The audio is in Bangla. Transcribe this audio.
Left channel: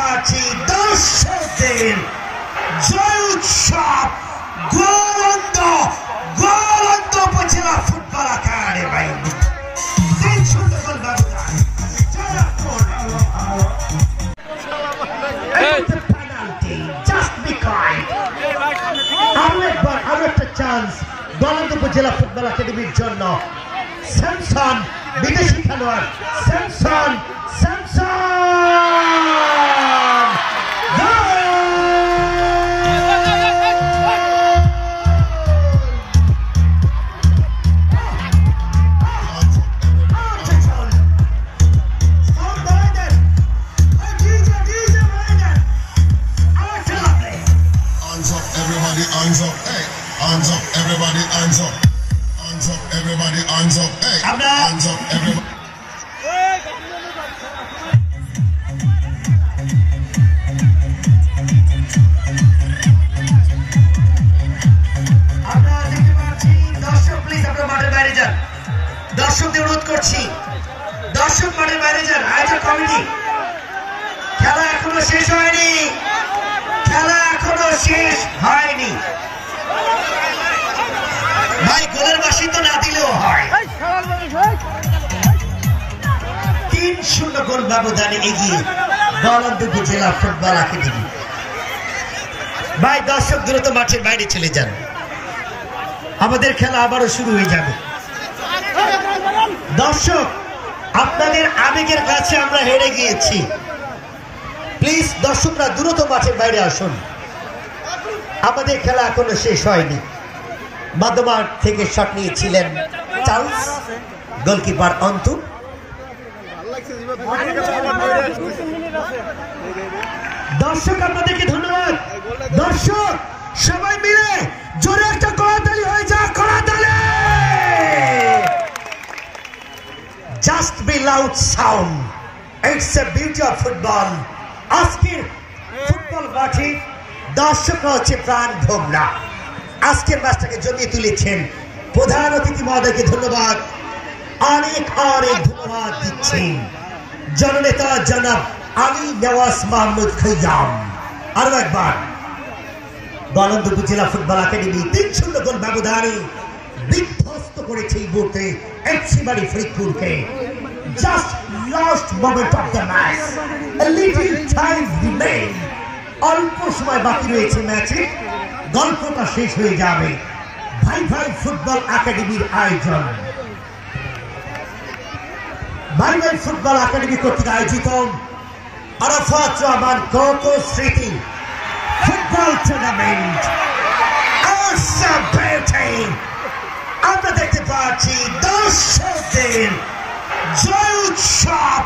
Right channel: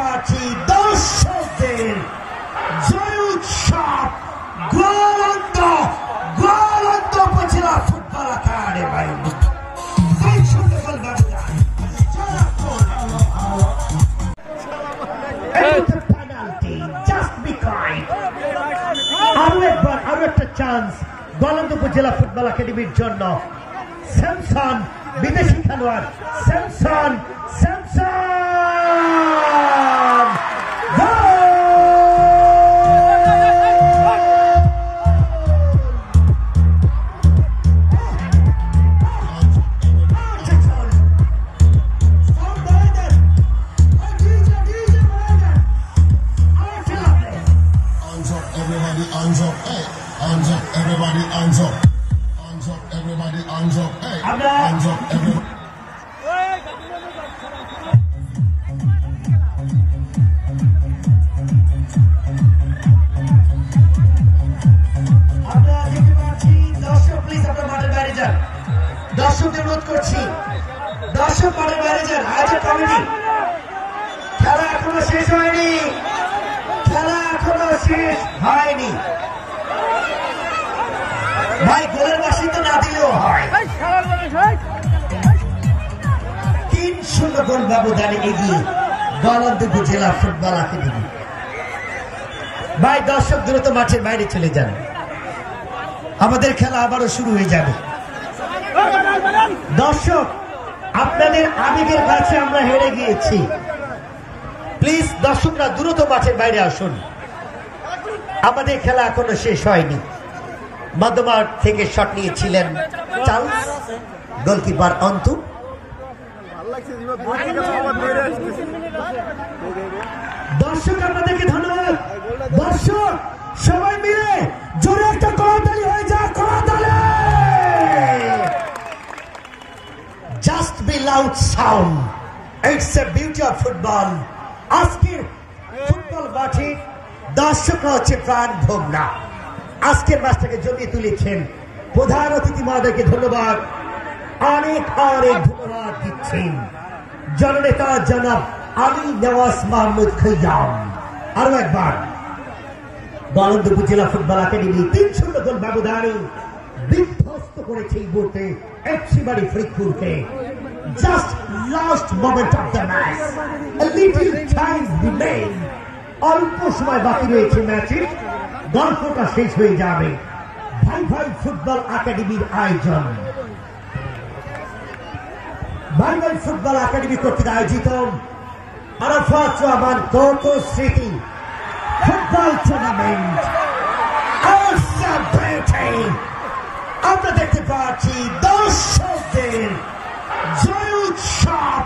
পাচ্ছি দর্শকদের জয় উৎসব গোলন্দ উপজেলা ফুটবল একাডেমি 3-0 গোল ব্যবধান পেনাল্টি জাস্ট বি কাইন্ড আরো একটা চান্স গোলন্দ উপজেলা ফুটবল একাডেমির জন্য স্যামসন বিদেশি খেলোয়াড় Samson Hands up, hey. Hands up, everybody, hands up. Hands up, everybody, hands up, hey. Hands up, everybody. দর্শকদের অনুরোধ করছি দর্শক মাঠের বাইরে যান আয়োজক কমিটি খেলা এখনো শেষ হয়নি ভাই গোলের বাসি তো না দিলেও হয় 3-0 গোল ব্যবধানে এগিয়ে গোলন্দ উপজেলা ফুটবল একাডেমি ভাই দর্শক দ্রুত মাঠের বাইরে চলে যান আমাদের খেলা আবারও শুরু হয়ে যাবে দর্শক আপনাদের আবেগের কাছে আমরা হেরে গিয়েছি প্লিজ দর্শকরা দ্রুত মাঠের বাইরে আসুন আমাদের খেলা এখনো শেষ হয়নি মধ্যমাঠ থেকে শট নিয়েছিলেন চার্লস গোলকিপার অন্তু দর্শক আপনাদেরকে ধন্যবাদ দর্শক সবাই মিলে জোরে একটা করতালি হয়ে যা করতালি just be loud sound it's a beauty of football আজকের ফুটবল মাঠে দর্শকরা হচ্ছে প্রাণ ভোমরা আজকের ম্যাচটাকে জমিয়ে তুলেছেন প্রধান অতিথি মহোদয়কে ধন্যবাদ অনেক ধন্যবাদ দিচ্ছেন জননেতা জনাব আলী নওয়াজ মাহমুদ খৈয়াম আরো একবার গোলন্দ উপজেলা ফুটবল একাডেমি 3-0 গোল ব্যবধানে বিধ্বস্ত করেছে এই মুহূর্তে এফসি বাড়ি ফরিদপুরকে just last moment of the match a little time remain অল্প সময় বাকি রয়েছে ম্যাচে গল্পটা শেষ হয়ে যাবে ভাই ভাই ফুটবল একাডেমির আয়োজন ভাই ভাই ফুটবল একাডেমি কর্তৃক আয়োজিত আরাফাত রহমান কোকো স্মৃতি ফুটবল টুর্নামেন্ট আমরা দেখতে পাচ্ছি দর্শকদের জয় উৎসব